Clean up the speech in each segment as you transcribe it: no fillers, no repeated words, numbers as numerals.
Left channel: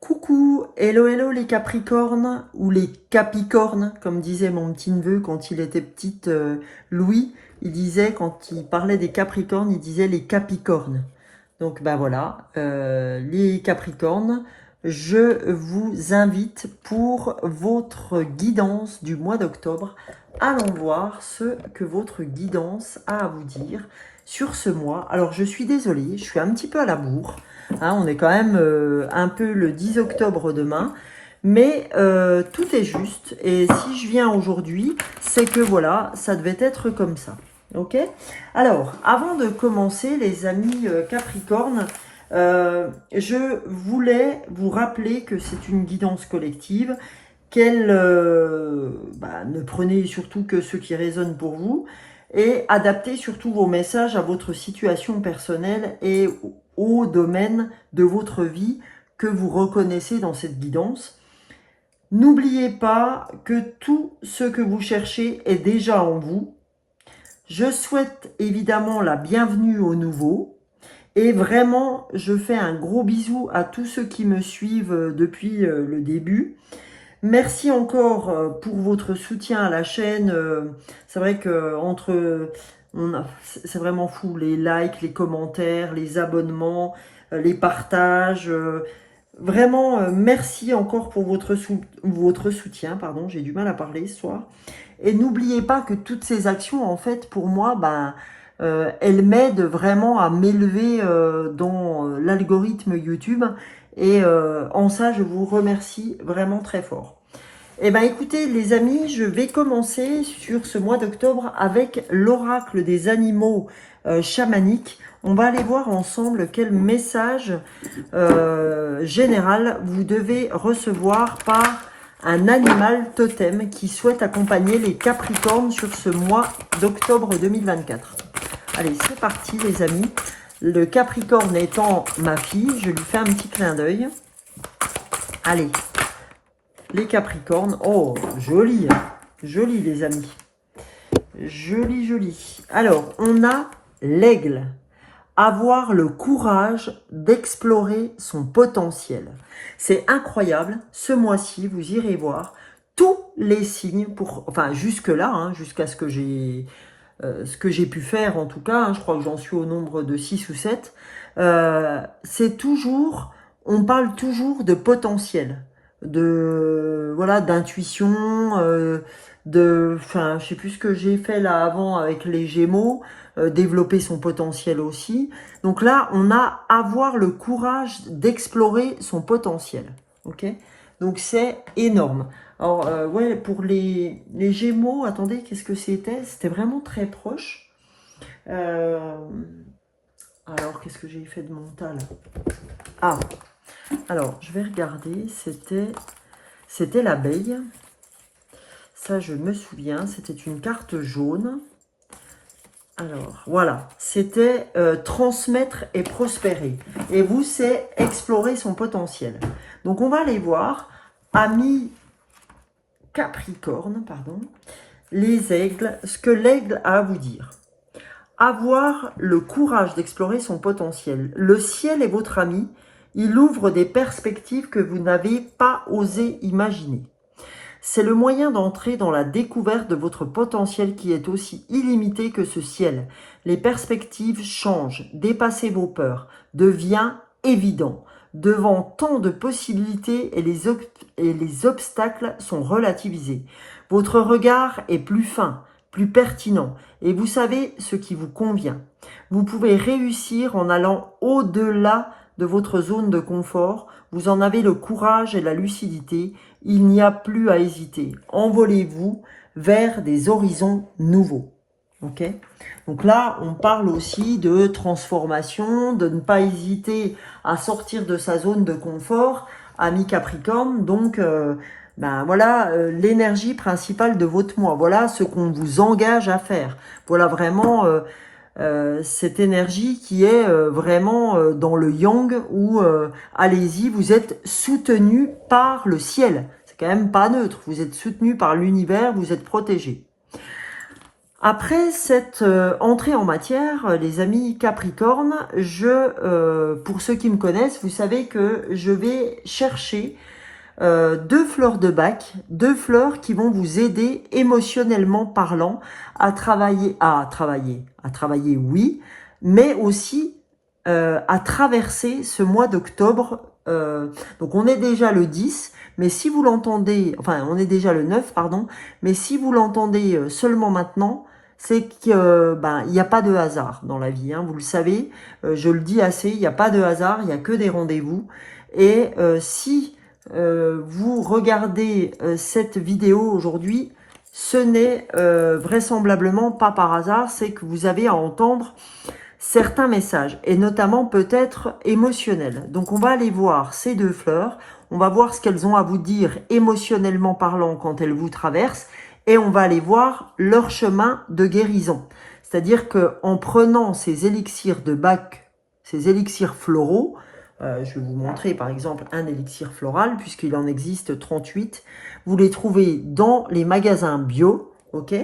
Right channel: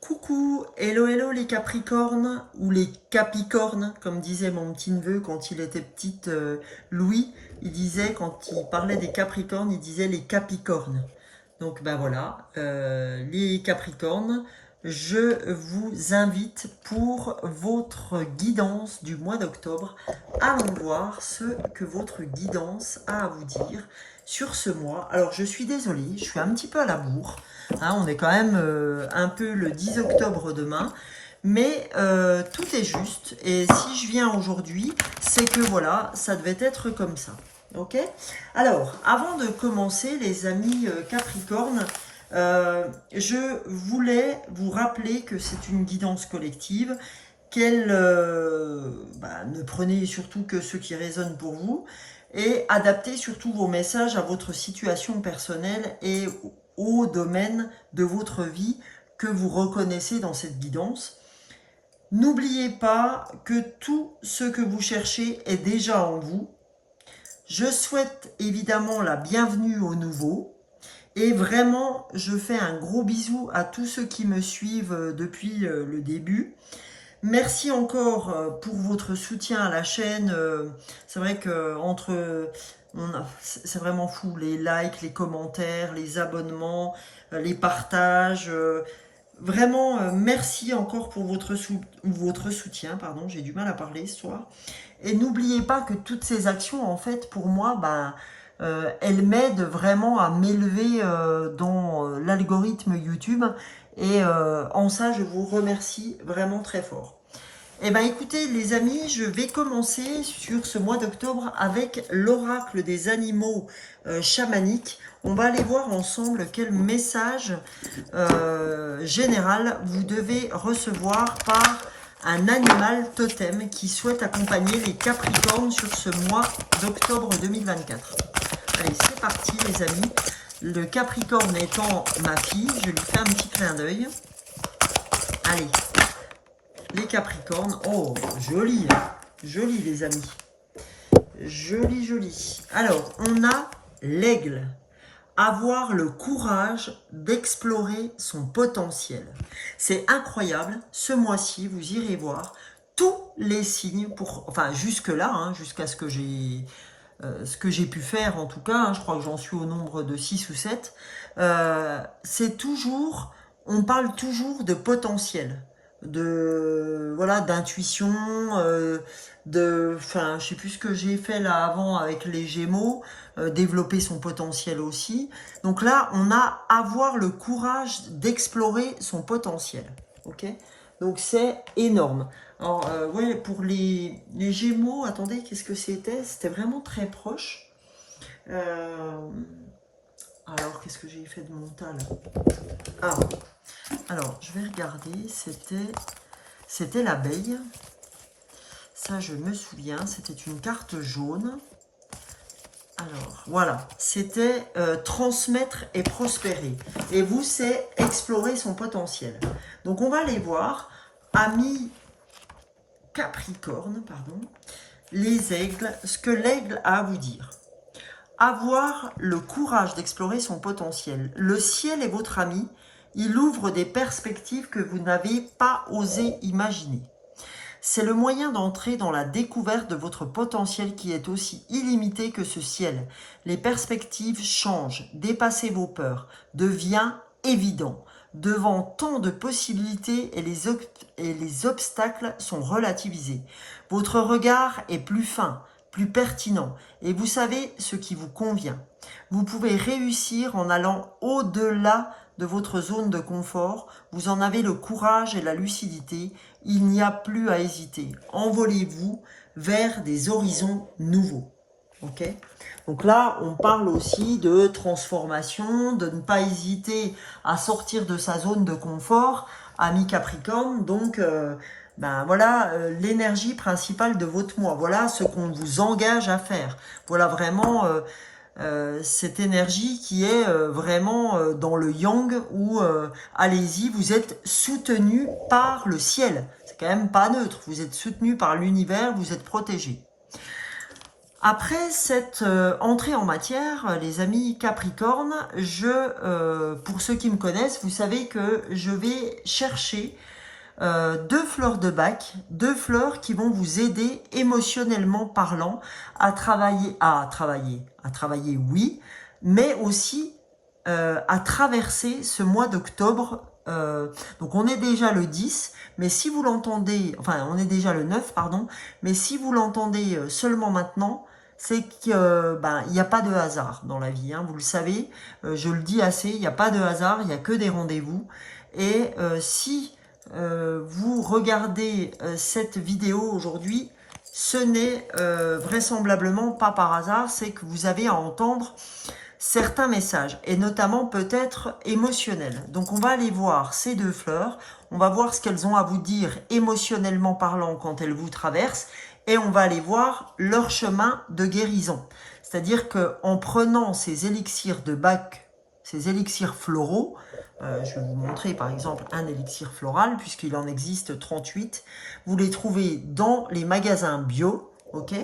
Coucou, hello hello les Capricornes, ou les Capicornes, comme disait mon petit neveu quand il était petit, Louis, il disait, quand il parlait des Capricornes, il disait les Capicornes. Donc ben voilà, les Capricornes, je vous invite pour votre guidance du mois d'octobre. Allons voir ce que votre guidance a à vous dire sur ce mois. Alors je suis désolée, je suis un petit peu à la bourre. Hein, on est quand même un peu le 10 octobre demain. Mais tout est juste. Et si je viens aujourd'hui, c'est que voilà, ça devait être comme ça. Ok? Alors, avant de commencer, les amis Capricorne, je voulais vous rappeler que c'est une guidance collective, qu'elle ne prenez surtout que ce qui résonne pour vous, et adaptez surtout vos messages à votre situation personnelle et au domaine de votre vie que vous reconnaissez dans cette guidance. N'oubliez pas que tout ce que vous cherchez est déjà en vous. Je souhaite évidemment la bienvenue aux nouveaux. Et vraiment, je fais un gros bisou à tous ceux qui me suivent depuis le début. Merci encore pour votre soutien à la chaîne. C'est vrai que c'est vraiment fou, les likes, les commentaires, les abonnements, les partages. Vraiment, merci encore pour votre soutien. Pardon, j'ai du mal à parler ce soir. Et n'oubliez pas que toutes ces actions, en fait, pour moi, elles m'aident vraiment à m'élever dans l'algorithme YouTube. Et en ça, je vous remercie vraiment très fort. Eh bien, écoutez, les amis, je vais commencer sur ce mois d'octobre avec l'oracle des animaux chamaniques. On va aller voir ensemble quel message général vous devez recevoir par un animal totem qui souhaite accompagner les Capricornes sur ce mois d'octobre 2024. Allez, c'est parti les amis. Le Capricorne étant ma fille, je lui fais un petit clin d'œil. Allez, les Capricornes. Oh, joli, hein. Joli les amis. Joli, joli. Alors, on a l'aigle. Avoir le courage d'explorer son potentiel. C'est incroyable. Ce mois-ci, vous irez voir tous les signes, enfin jusque-là, hein, jusqu'à ce que j'ai pu faire en tout cas, hein, je crois que j'en suis au nombre de 6 ou 7, c'est toujours, on parle toujours de potentiel, voilà, d'intuition, enfin, je sais plus ce que j'ai fait là avant avec les Gémeaux, développer son potentiel aussi. Donc là, on a avoir le courage d'explorer son potentiel. Ok? Donc c'est énorme. Alors, ouais, pour les Gémeaux, attendez, qu'est-ce que c'était? C'était vraiment très proche. Alors, qu'est-ce que j'ai fait de mental? Ah, alors, je vais regarder. C'était l'abeille. Ça, je me souviens. C'était une carte jaune. Alors, voilà. C'était transmettre et prospérer. Et vous, c'est explorer son potentiel. Donc, on va aller voir. Amis Capricorne, pardon. Les aigles, ce que l'aigle a à vous dire. Avoir le courage d'explorer son potentiel. Le ciel est votre ami. Il ouvre des perspectives que vous n'avez pas osé imaginer. C'est le moyen d'entrer dans la découverte de votre potentiel qui est aussi illimité que ce ciel. Les perspectives changent, dépassez vos peurs, devient évident. Devant tant de possibilités et les obstacles sont relativisés. Votre regard est plus fin, plus pertinent et vous savez ce qui vous convient. Vous pouvez réussir en allant au-delà de votre zone de confort. Vous en avez le courage et la lucidité. Il n'y a plus à hésiter. Envolez-vous vers des horizons nouveaux. Ok ? Donc là, on parle aussi de transformation, de ne pas hésiter à sortir de sa zone de confort, ami Capricorne. Donc, voilà l'énergie principale de votre mois. Voilà ce qu'on vous engage à faire. Voilà vraiment cette énergie qui est vraiment dans le yang où, allez-y, vous êtes soutenu par le ciel. C'est quand même pas neutre. Vous êtes soutenu par l'univers, vous êtes protégé. Après cette entrée en matière, les amis Capricorne, pour ceux qui me connaissent, vous savez que je vais chercher deux fleurs de bac, deux fleurs qui vont vous aider émotionnellement parlant à travailler, oui, mais aussi à traverser ce mois d'octobre. Donc on est déjà le 10, mais si vous l'entendez, enfin on est déjà le 9, pardon, mais si vous l'entendez seulement maintenant, c'est qu'il n'y a pas de hasard dans la vie, hein, vous le savez, je le dis assez, il n'y a pas de hasard, il n'y a que des rendez-vous. Et si vous regardez cette vidéo aujourd'hui, ce n'est vraisemblablement pas par hasard, c'est que vous avez à entendre certains messages, et notamment peut-être émotionnels. Donc on va aller voir ces deux fleurs, on va voir ce qu'elles ont à vous dire émotionnellement parlant quand elles vous traversent, et on va aller voir leur chemin de guérison. C'est-à-dire qu'en prenant ces élixirs de Bach, ces élixirs floraux, je vais vous montrer par exemple un élixir floral, puisqu'il en existe 38. Vous les trouvez dans les magasins bio, ok.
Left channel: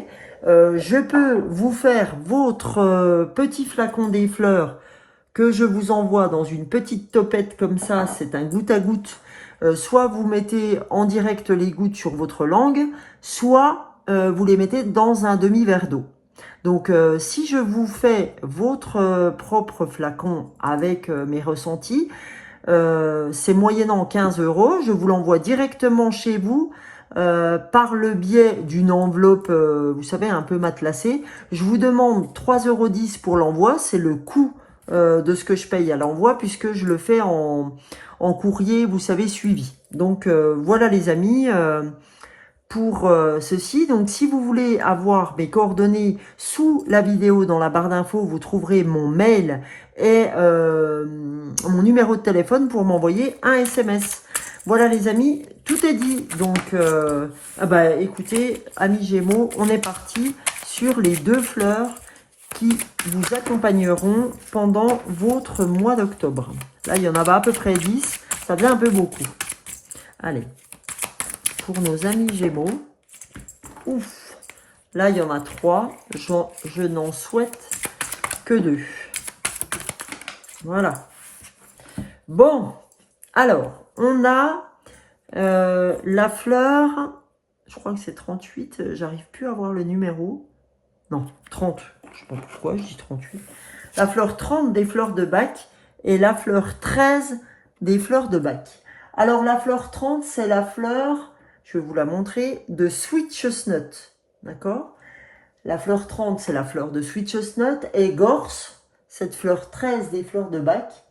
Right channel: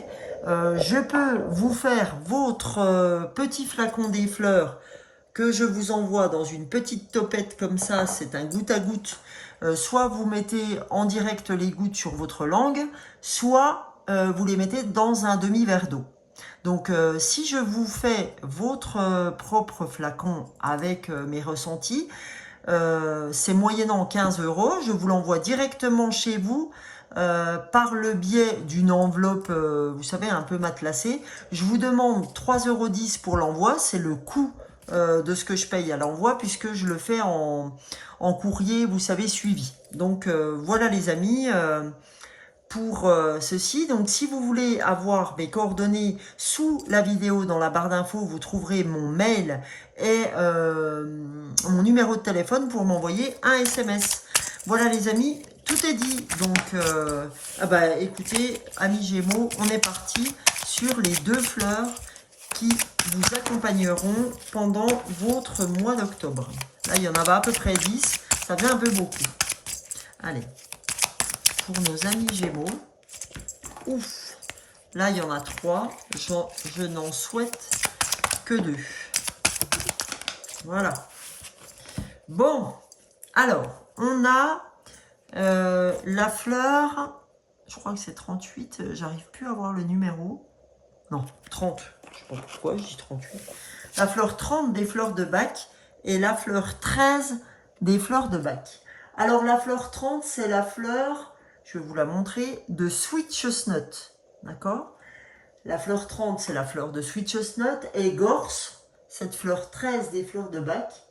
Je peux vous faire votre petit flacon des fleurs que je vous envoie dans une petite topette comme ça, c'est un goutte à goutte. Soit vous mettez en direct les gouttes sur votre langue, soit vous les mettez dans un demi-verre d'eau. Donc, si je vous fais votre propre flacon avec mes ressentis, c'est moyennant 15 €. Je vous l'envoie directement chez vous par le biais d'une enveloppe, vous savez, un peu matelassée. Je vous demande 3,10 € pour l'envoi. C'est le coût de ce que je paye à l'envoi puisque je le fais en courrier, vous savez, suivi. Donc, voilà les amis. Pour ceci. Donc, si vous voulez avoir mes coordonnées sous la vidéo, dans la barre d'infos, vous trouverez mon mail et mon numéro de téléphone pour m'envoyer un SMS. Voilà les amis, tout est dit. Donc, écoutez, amis Gémeaux, on est parti sur les deux fleurs qui vous accompagneront pendant votre mois d'octobre. Là, il y en avait à peu près 10, ça devient un peu beaucoup. Allez. Pour nos amis Gémeaux. Ouf. Là, il y en a 3. Je n'en souhaite que 2. Voilà. Bon. Alors, on a la fleur. Je crois que c'est 38. J'arrive plus à voir le numéro. Non, 30. Je sais pas pourquoi, je dis 38. La fleur 30 des fleurs de Bach et la fleur 13 des fleurs de Bach. Alors, la fleur 30, c'est la fleur... Je vais vous la montrer, de Sweet Chestnut, d'accord? La fleur 30, c'est la fleur de Sweet Chestnut, et Gorse, cette fleur 13 des fleurs de Bach.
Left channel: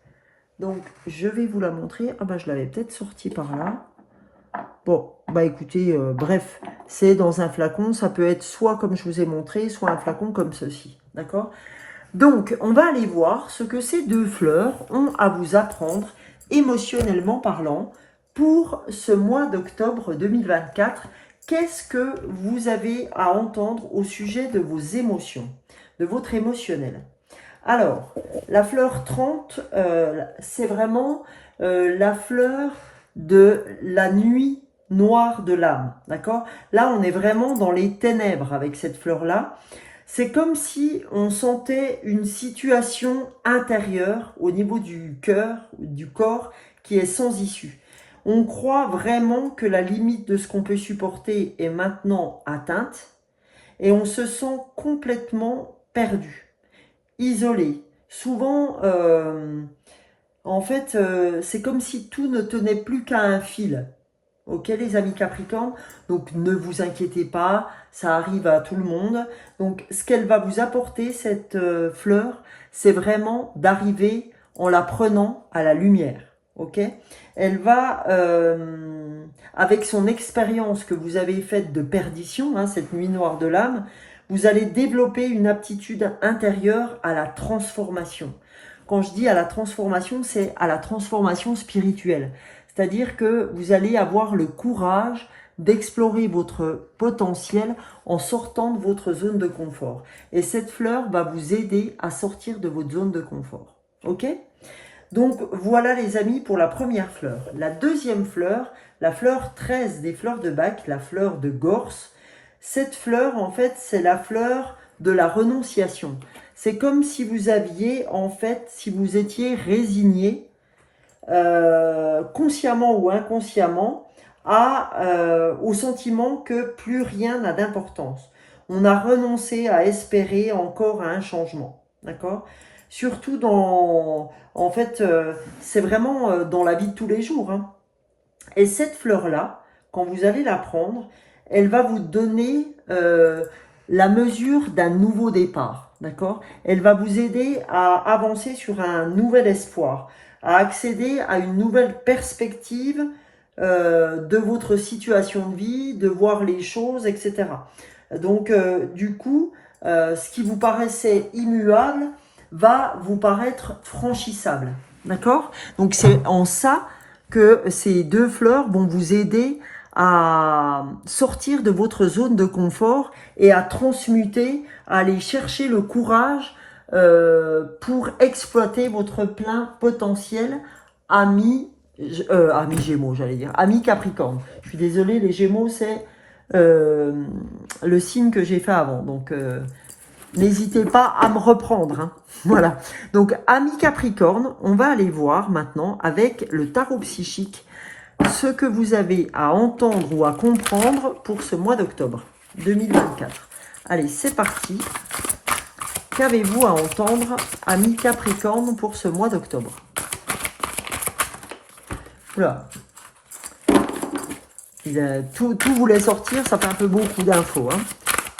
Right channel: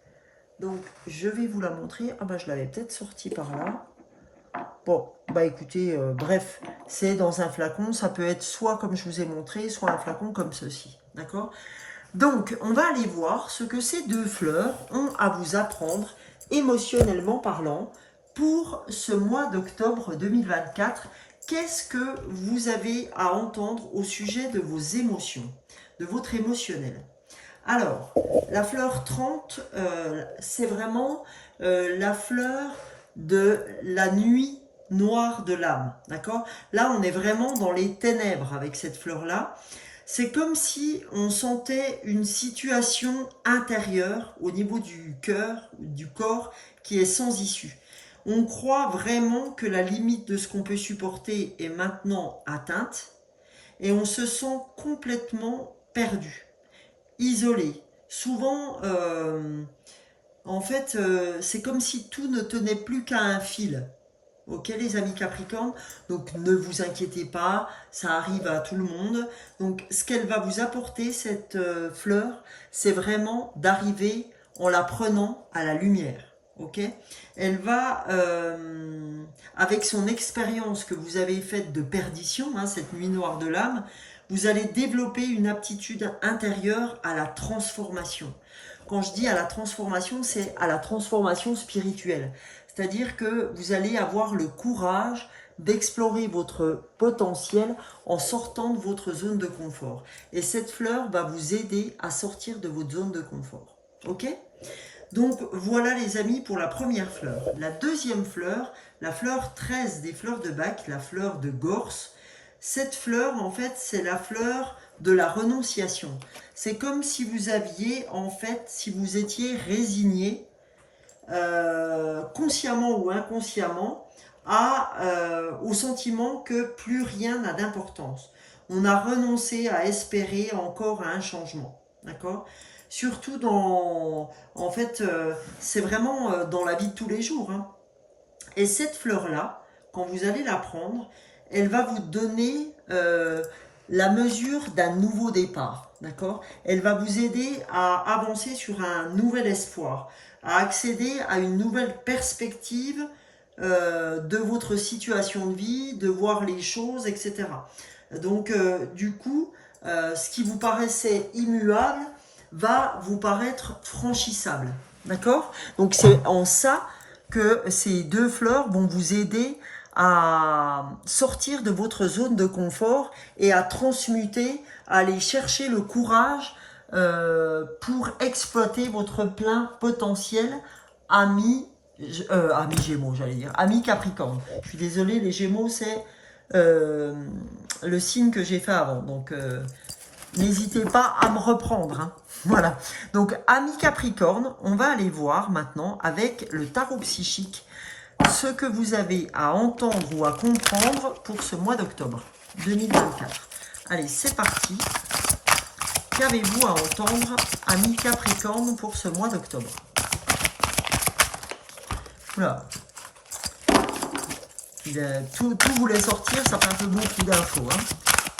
Donc, je vais vous la montrer. Ah bah, je l'avais peut-être sortie par là. Bon, bah écoutez, bref, c'est dans un flacon. Ça peut être soit comme je vous ai montré, soit un flacon comme ceci, d'accord? Donc, on va aller voir ce que ces deux fleurs ont à vous apprendre, émotionnellement parlant, pour ce mois d'octobre 2024. Qu'est-ce que vous avez à entendre au sujet de vos émotions, de votre émotionnel? Alors, la fleur 30, c'est vraiment la fleur de la nuit noire de l'âme, d'accord? Là, on est vraiment dans les ténèbres avec cette fleur-là. C'est comme si on sentait une situation intérieure au niveau du cœur, du corps, qui est sans issue. On croit vraiment que la limite de ce qu'on peut supporter est maintenant atteinte et on se sent complètement perdu, isolé. Souvent, en fait, c'est comme si tout ne tenait plus qu'à un fil. Ok les amis Capricorne, donc ne vous inquiétez pas, ça arrive à tout le monde. Donc ce qu'elle va vous apporter, cette fleur, c'est vraiment d'arriver en la prenant à la lumière. Ok, elle va, avec son expérience que vous avez faite de perdition, hein, cette nuit noire de l'âme, vous allez développer une aptitude intérieure à la transformation. Quand je dis à la transformation, c'est à la transformation spirituelle. C'est-à-dire que vous allez avoir le courage d'explorer votre potentiel en sortant de votre zone de confort. Et cette fleur va vous aider à sortir de votre zone de confort. Ok ? Donc voilà les amis pour la première fleur. La deuxième fleur, la fleur 13 des fleurs de Bach, la fleur de Gorse. Cette fleur en fait c'est la fleur de la renonciation. C'est comme si vous aviez, en fait, si vous étiez résigné, consciemment ou inconsciemment, au sentiment que plus rien n'a d'importance. On a renoncé à espérer encore à un changement. D'accord ? Surtout en fait, c'est vraiment dans la vie de tous les jours. Hein. Et cette fleur-là, quand vous allez la prendre, elle va vous donner la mesure d'un nouveau départ. D'accord ? Elle va vous aider à avancer sur un nouvel espoir, à accéder à une nouvelle perspective de votre situation de vie, de voir les choses, etc. Donc, du coup, ce qui vous paraissait immuable va vous paraître franchissable. D'accord ? Donc, c'est en ça que ces deux fleurs vont vous aider à sortir de votre zone de confort et à transmuter, à aller chercher le courage pour exploiter votre plein potentiel, ami Gémeaux, j'allais dire, ami Capricorne. Je suis désolée, les Gémeaux, c'est le signe que j'ai fait avant. Donc, n'hésitez pas à me reprendre. Hein. Voilà. Donc, ami Capricorne, on va aller voir maintenant avec le tarot psychique ce que vous avez à entendre ou à comprendre pour ce mois d'octobre 2024. Allez, c'est parti. Qu'avez-vous à entendre, ami Capricorne, pour ce mois d'octobre? Oula. Tout voulait sortir, ça fait un peu beaucoup d'infos. Hein.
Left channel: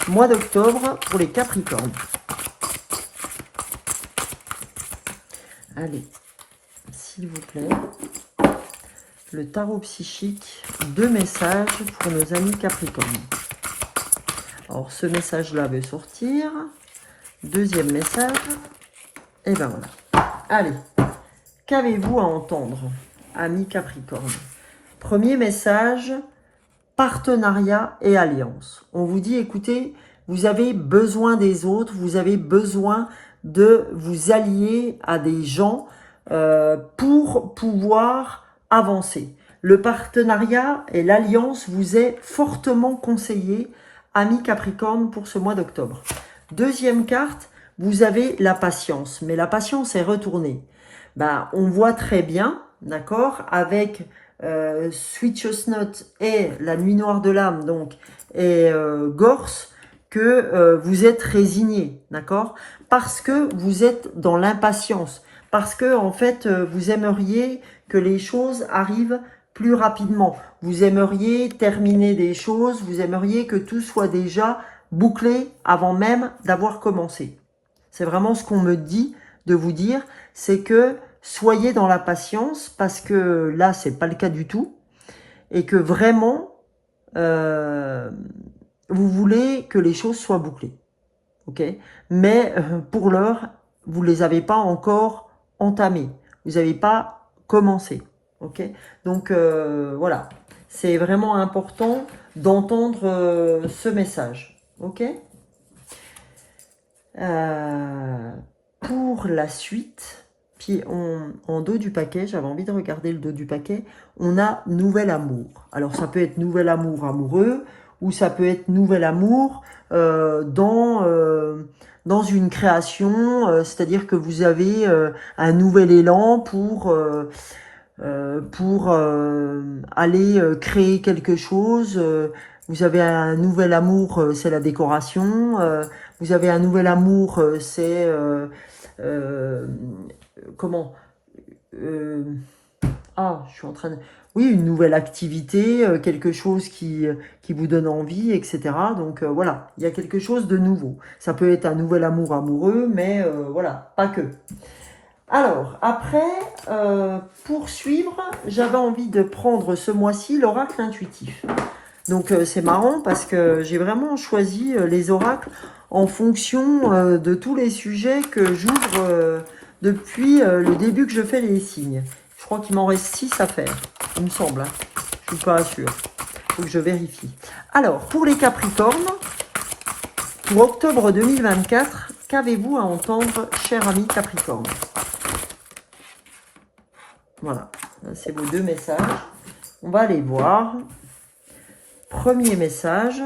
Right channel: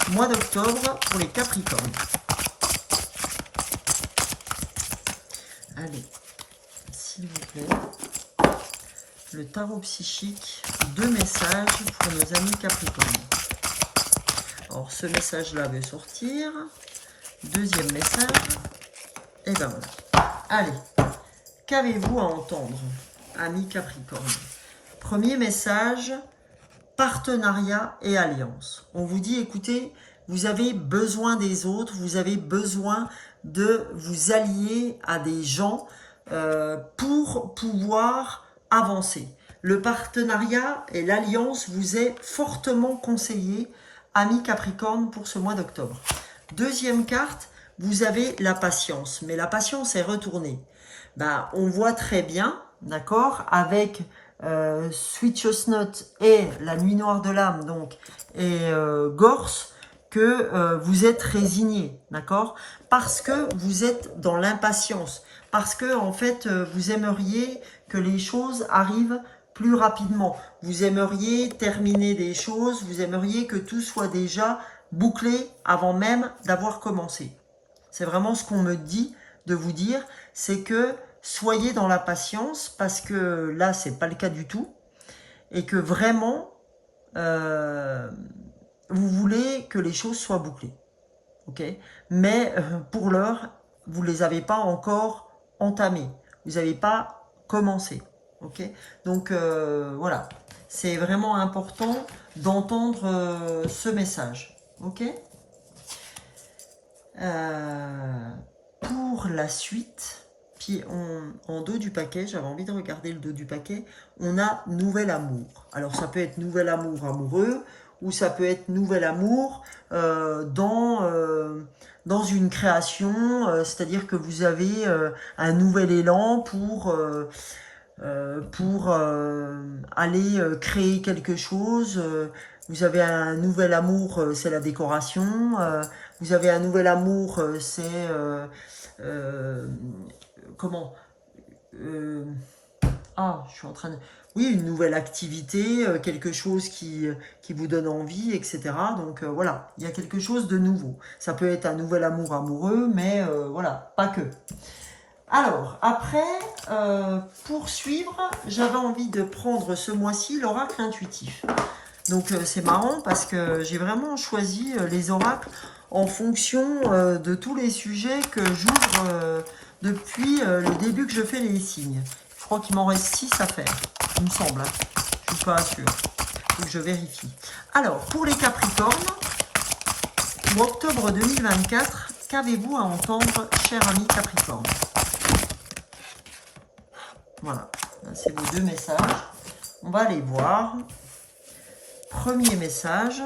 Mois d'octobre pour les Capricornes. Allez, s'il vous plaît. Le tarot psychique, 2 messages pour nos amis Capricornes. Alors, ce message-là veut sortir. Deuxième message. Et ben voilà. Allez, qu'avez-vous à entendre, amis Capricorne? Premier message, partenariat et alliance. On vous dit, écoutez, vous avez besoin des autres, vous avez besoin de vous allier à des gens pour pouvoir avancer. Le partenariat et l'alliance vous est fortement conseillé, amis Capricorne, pour ce mois d'octobre. Deuxième carte, vous avez la patience, mais la patience est retournée. Ben, on voit très bien, d'accord, avec Sweet Chestnut et la Nuit Noire de l'âme, donc, et Gorse, que vous êtes résigné, d'accord, parce que vous êtes dans l'impatience, parce que en fait, vous aimeriez que les choses arrivent plus rapidement. Vous aimeriez terminer des choses, vous aimeriez que tout soit déjà bouclé avant même d'avoir commencé. C'est vraiment ce qu'on me dit de vous dire, c'est que soyez dans la patience, parce que là, c'est pas le cas du tout, et que vraiment, vous voulez que les choses soient bouclées. Ok ? Mais pour l'heure, vous ne les avez pas encore entamées. Vous n'avez pas commencé. Ok ? Donc, voilà. C'est vraiment important d'entendre ce message. Ok ? Pour la suite, puis en dos du paquet, j'avais envie de regarder le dos du paquet, on a nouvel amour. Alors, ça peut être nouvel amour amoureux, ou ça peut être nouvel amour dans une création, c'est-à-dire que vous avez un nouvel élan pour aller créer quelque chose. Vous avez un nouvel amour, c'est la décoration. Vous avez un nouvel amour, c'est comment je suis en train de... Oui, une nouvelle activité, quelque chose qui vous donne envie, etc. Donc voilà, il y a quelque chose de nouveau. Ça peut être un nouvel amour amoureux, mais voilà, pas que. Alors, après, pour suivre, j'avais envie de prendre ce mois-ci l'oracle intuitif. Donc c'est marrant parce que j'ai vraiment choisi les oracles en fonction de tous les sujets que j'ouvre depuis le début que je fais les signes. Je crois qu'il m'en reste 6 à faire, il me semble. Hein. Je ne suis pas sûre. Il faut que je vérifie. Alors, pour les Capricornes, pour octobre 2024, qu'avez-vous à entendre, cher ami Capricorne? Voilà, c'est vos 2 messages. On va aller voir. Premier message,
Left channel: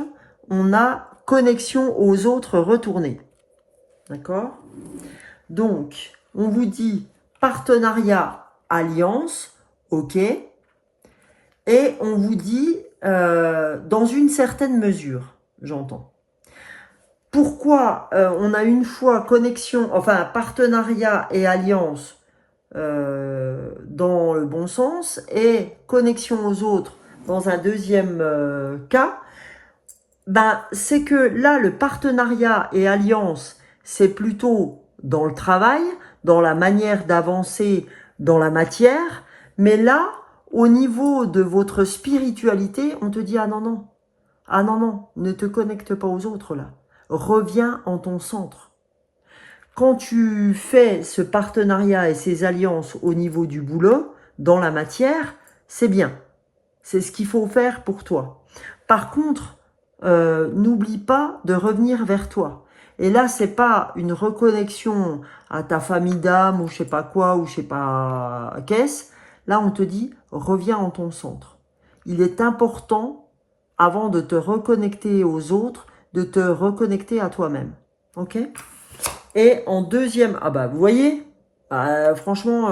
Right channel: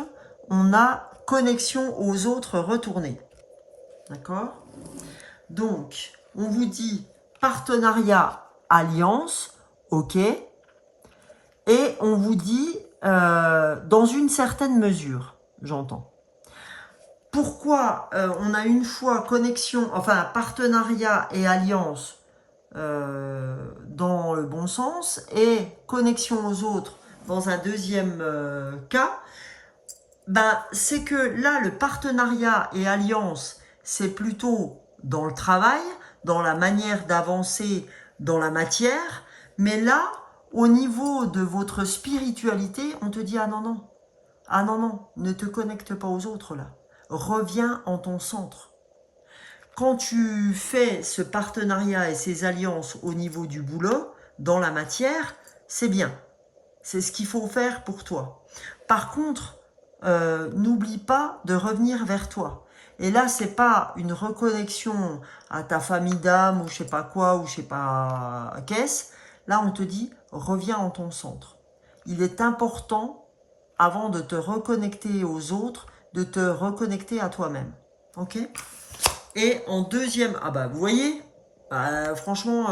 on a connexion aux autres retournée. D'accord? Donc, on vous dit partenariat, alliance, ok. Et on vous dit dans une certaine mesure, j'entends. Pourquoi on a une fois connexion, enfin partenariat et alliance dans le bon sens et connexion aux autres dans un deuxième cas, ben, c'est que là, le partenariat et alliance, c'est plutôt dans le travail, dans la manière d'avancer dans la matière, mais là, au niveau de votre spiritualité, on te dit, ah non, non, ne te connecte pas aux autres là, reviens en ton centre. Quand tu fais ce partenariat et ces alliances au niveau du boulot, dans la matière, c'est bien. C'est ce qu'il faut faire pour toi. Par contre, n'oublie pas de revenir vers toi. Et là, c'est pas une reconnexion à ta famille d'âme ou je sais pas quoi ou je sais pas qu'est-ce. Là, on te dit, reviens en ton centre. Il est important, avant de te reconnecter aux autres, de te reconnecter à toi-même. Ok? Et en deuxième, ah bah vous voyez, franchement,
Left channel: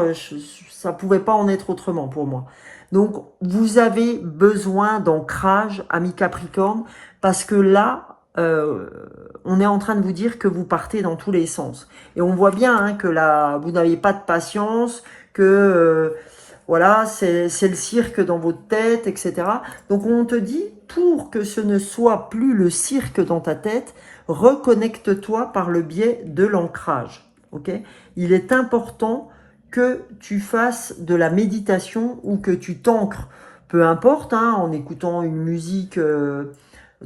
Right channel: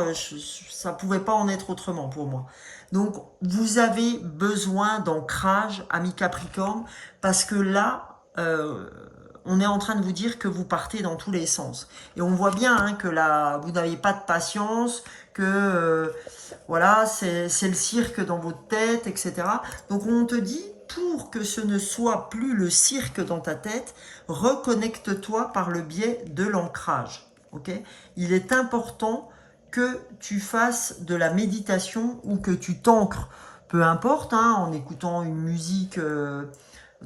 ça pouvait pas en être autrement pour moi. Donc vous avez besoin d'ancrage, ami Capricorne, parce que là, on est en train de vous dire que vous partez dans tous les sens. Et on voit bien hein, que là, vous n'avez pas de patience, que voilà, c'est le cirque dans votre tête, etc. Donc on te dit, pour que ce ne soit plus le cirque dans ta tête, reconnecte-toi par le biais de l'ancrage. Okay? Il est important que tu fasses de la méditation ou que tu t'ancres, peu importe, hein, en écoutant une musique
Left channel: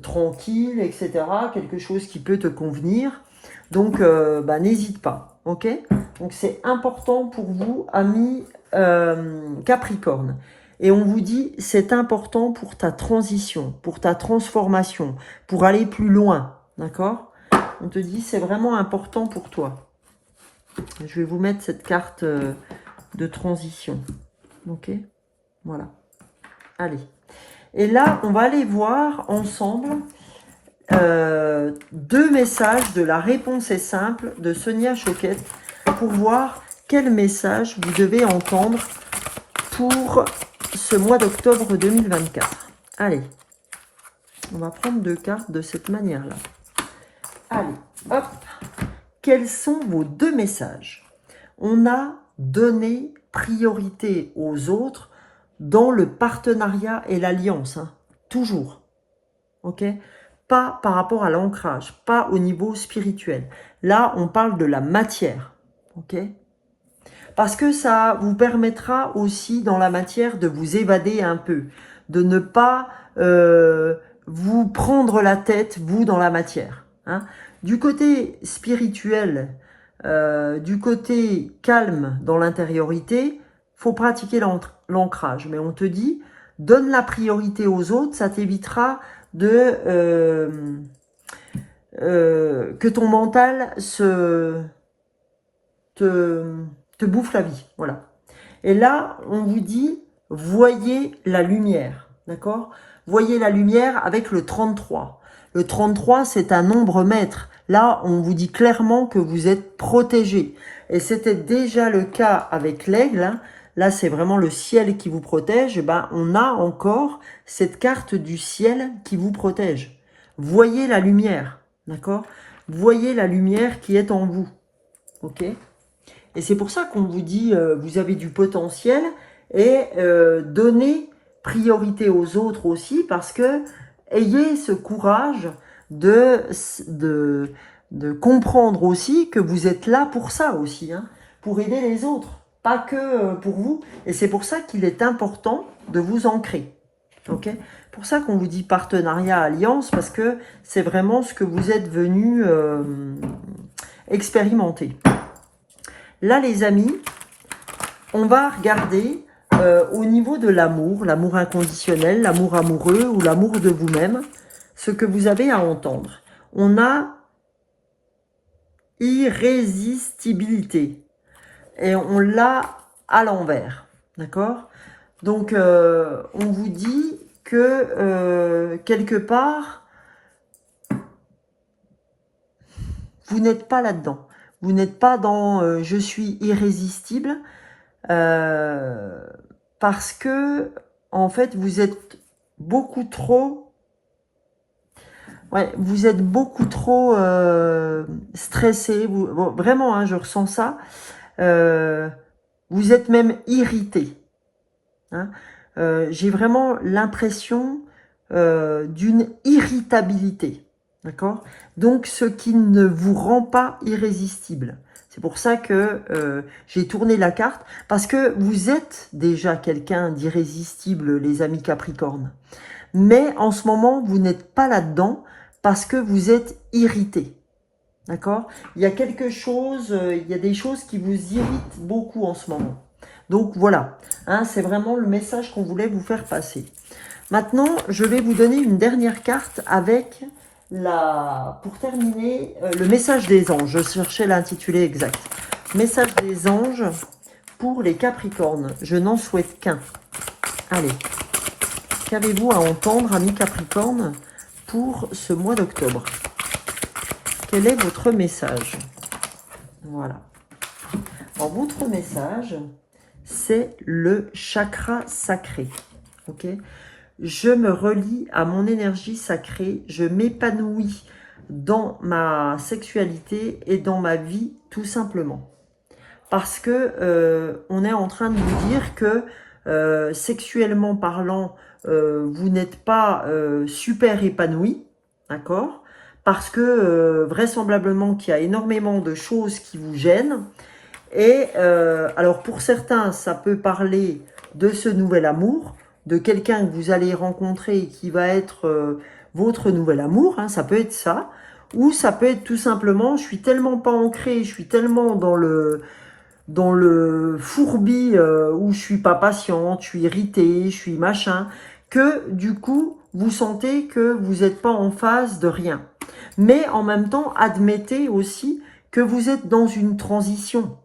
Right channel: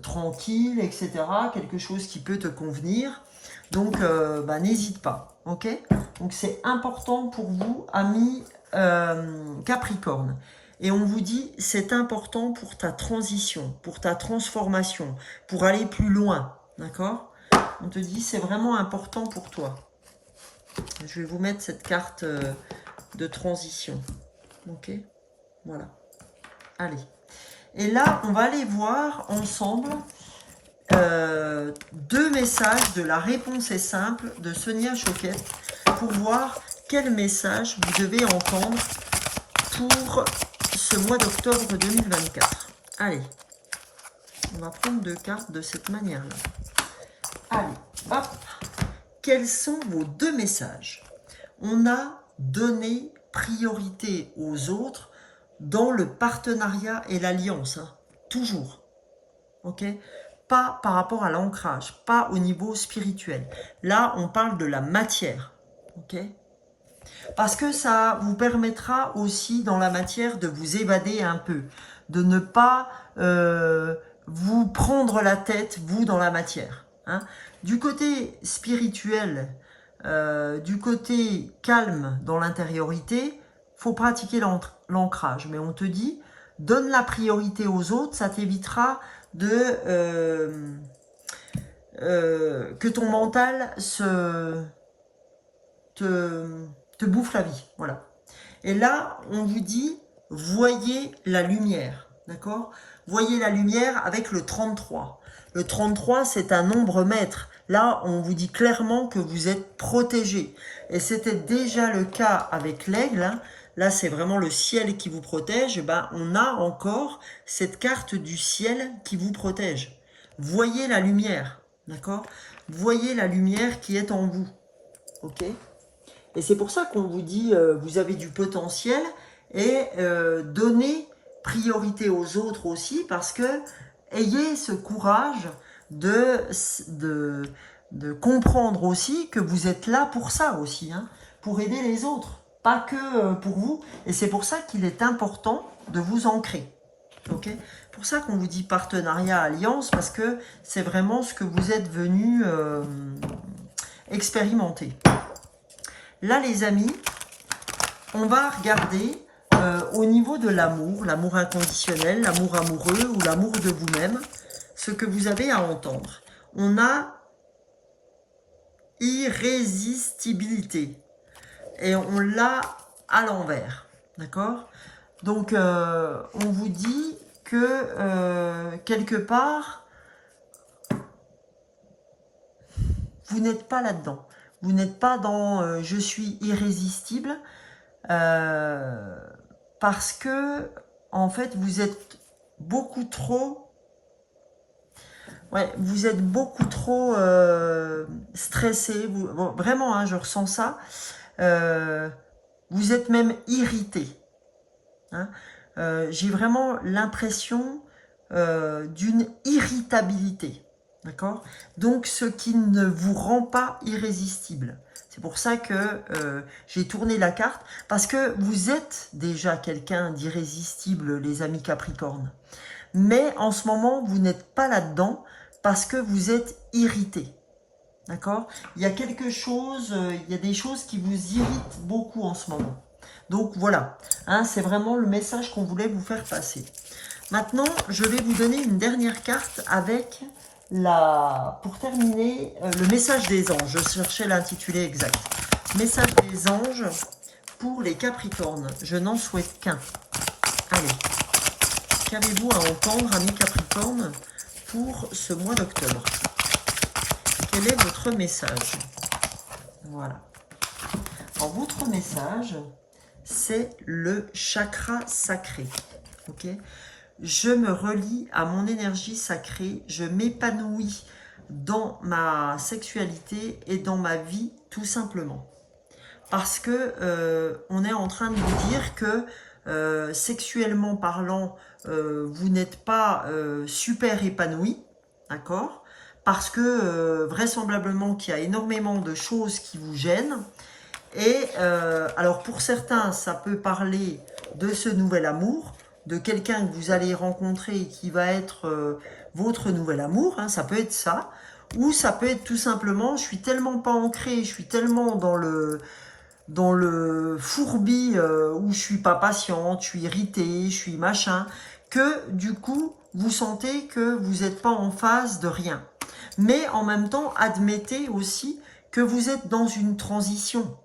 tranquille, etc. Quelque chose qui peut te convenir. Donc, bah, n'hésite pas. Ok? Donc, c'est important pour vous, amis Capricorne. Et on vous dit, c'est important pour ta transition, pour ta transformation, pour aller plus loin. D'accord? On te dit, c'est vraiment important pour toi. Je vais vous mettre cette carte de transition. Ok? Voilà. Allez. Et là, on va aller voir ensemble deux messages de La réponse est simple de Sonia Choquette pour voir quel message vous devez entendre pour ce mois d'octobre 2024. Allez, on va prendre deux cartes de cette manière-là. Allez, hop. Quels sont vos deux messages? On a donné priorité aux autres dans le partenariat et l'alliance, hein, toujours. Ok? Pas par rapport à l'ancrage, pas au niveau spirituel. Là, on parle de la matière. Ok? Parce que ça vous permettra aussi dans la matière de vous évader un peu, de ne pas vous prendre la tête, vous, dans la matière. Hein. Du côté spirituel, du côté calme dans l'intériorité, faut pratiquer l'ancrage. Mais on te dit, donne la priorité aux autres, ça t'évitera de que ton mental te bouffe la vie. Voilà. Et là, on vous dit, voyez la lumière. D'accord? Voyez la lumière avec le 33. Le 33, c'est un nombre maître. Là, on vous dit clairement que vous êtes protégé. Et c'était déjà le cas avec l'aigle. Hein. Là, c'est vraiment le ciel qui vous protège. Et ben, on a encore cette carte du ciel qui vous protège. Voyez la lumière. D'accord? Voyez la lumière qui est en vous. Ok? Et c'est pour ça qu'on vous dit, vous avez du potentiel et donnez priorité aux autres aussi parce que ayez ce courage de comprendre aussi que vous êtes là pour ça aussi, hein, pour aider les autres, pas que pour vous. Et c'est pour ça qu'il est important de vous ancrer. Ok? Pour ça qu'on vous dit partenariat, alliance, parce que c'est vraiment ce que vous êtes venu expérimenter. Là, les amis, on va regarder au niveau de l'amour inconditionnel, l'amour amoureux ou l'amour de vous-même, ce que vous avez à entendre. On a irrésistibilité et on l'a à l'envers, d'accord? Donc, on vous dit que quelque part, vous n'êtes pas là-dedans. Vous n'êtes pas dans je suis irrésistible parce que en fait vous êtes beaucoup trop vous êtes beaucoup trop stressé. Bon, vraiment, hein, je ressens ça. Vous êtes même irrité. Hein. J'ai vraiment l'impression d'une irritabilité. D'accord? Donc, ce qui ne vous rend pas irrésistible. C'est pour ça que j'ai tourné la carte, parce que vous êtes déjà quelqu'un d'irrésistible, les amis Capricorne. Mais en ce moment, vous n'êtes pas là-dedans parce que vous êtes irrité. D'accord? Il y a quelque chose, il y a des choses qui vous irritent beaucoup en ce moment. Donc voilà, hein, c'est vraiment le message qu'on voulait vous faire passer. Maintenant, je vais vous donner une dernière carte avec pour terminer, le message des anges. Je cherchais l'intitulé exact. Message des anges pour les Capricornes. Je n'en souhaite qu'un. Allez. Qu'avez-vous à entendre, amis Capricorne, pour ce mois d'octobre? Quel est votre message? Voilà. Alors, votre message, c'est le chakra sacré. Ok? Je me relie à mon énergie sacrée, je m'épanouis dans ma sexualité et dans ma vie, tout simplement. Parce que on est en train de vous dire que sexuellement parlant, vous n'êtes pas super épanoui, d'accord? Parce que vraisemblablement qu'il y a énormément de choses qui vous gênent. Et alors pour certains, ça peut parler de ce nouvel amour, de quelqu'un que vous allez rencontrer et qui va être votre nouvel amour, hein, ça peut être ça. Ou ça peut être tout simplement, je suis tellement pas ancré, je suis tellement dans le fourbi où je suis pas patiente, je suis irritée, je suis machin, que du coup, vous sentez que vous n'êtes pas en phase de rien. Mais en même temps, admettez aussi que vous êtes dans une transition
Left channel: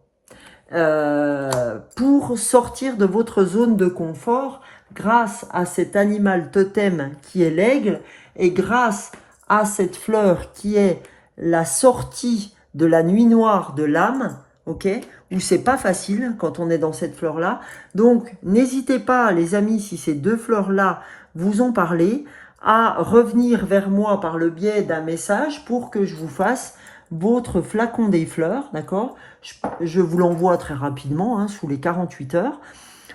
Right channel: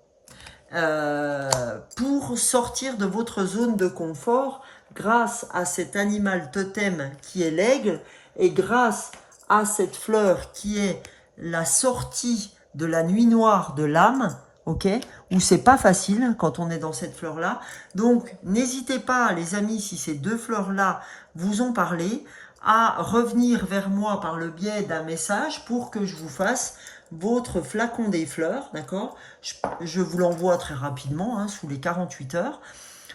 pour sortir de votre zone de confort grâce à cet animal totem qui est l'aigle et grâce à cette fleur qui est la sortie de la nuit noire de l'âme, ok, où c'est pas facile quand on est dans cette fleur-là. Donc, n'hésitez pas, les amis, si ces deux fleurs-là vous ont parlé, à revenir vers moi par le biais d'un message pour que je vous fasse votre flacon des fleurs, d'accord? Je vous l'envoie très rapidement, hein, sous les 48 heures.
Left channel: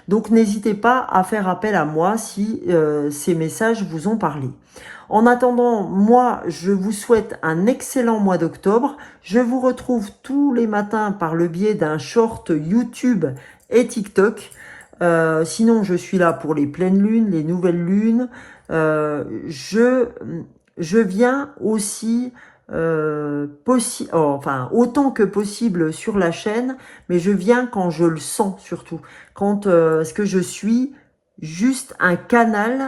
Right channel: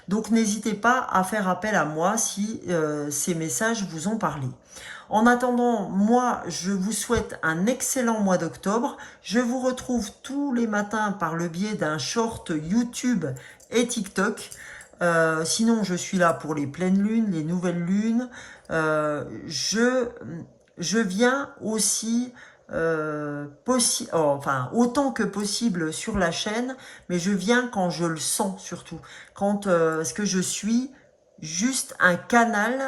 Donc, n'hésitez pas à faire appel à moi si ces messages vous ont parlé. En attendant, moi, je vous souhaite un excellent mois d'octobre. Je vous retrouve tous les matins par le biais d'un short YouTube et TikTok. Sinon, je suis là pour les pleines lunes, les nouvelles lunes. Je viens aussi autant que possible sur la chaîne, mais je viens quand je le sens surtout. Parce que je suis juste un canal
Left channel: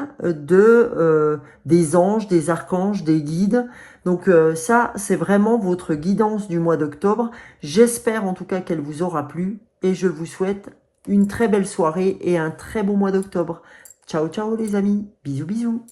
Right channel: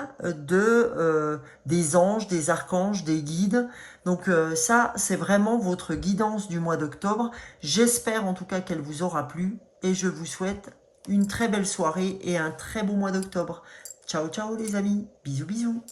des anges, des archanges, des guides. Donc ça, c'est vraiment votre guidance du mois d'octobre. J'espère en tout cas qu'elle vous aura plu et je vous souhaite une très belle soirée et un très beau mois d'octobre. Ciao, ciao les amis. Bisous, bisous.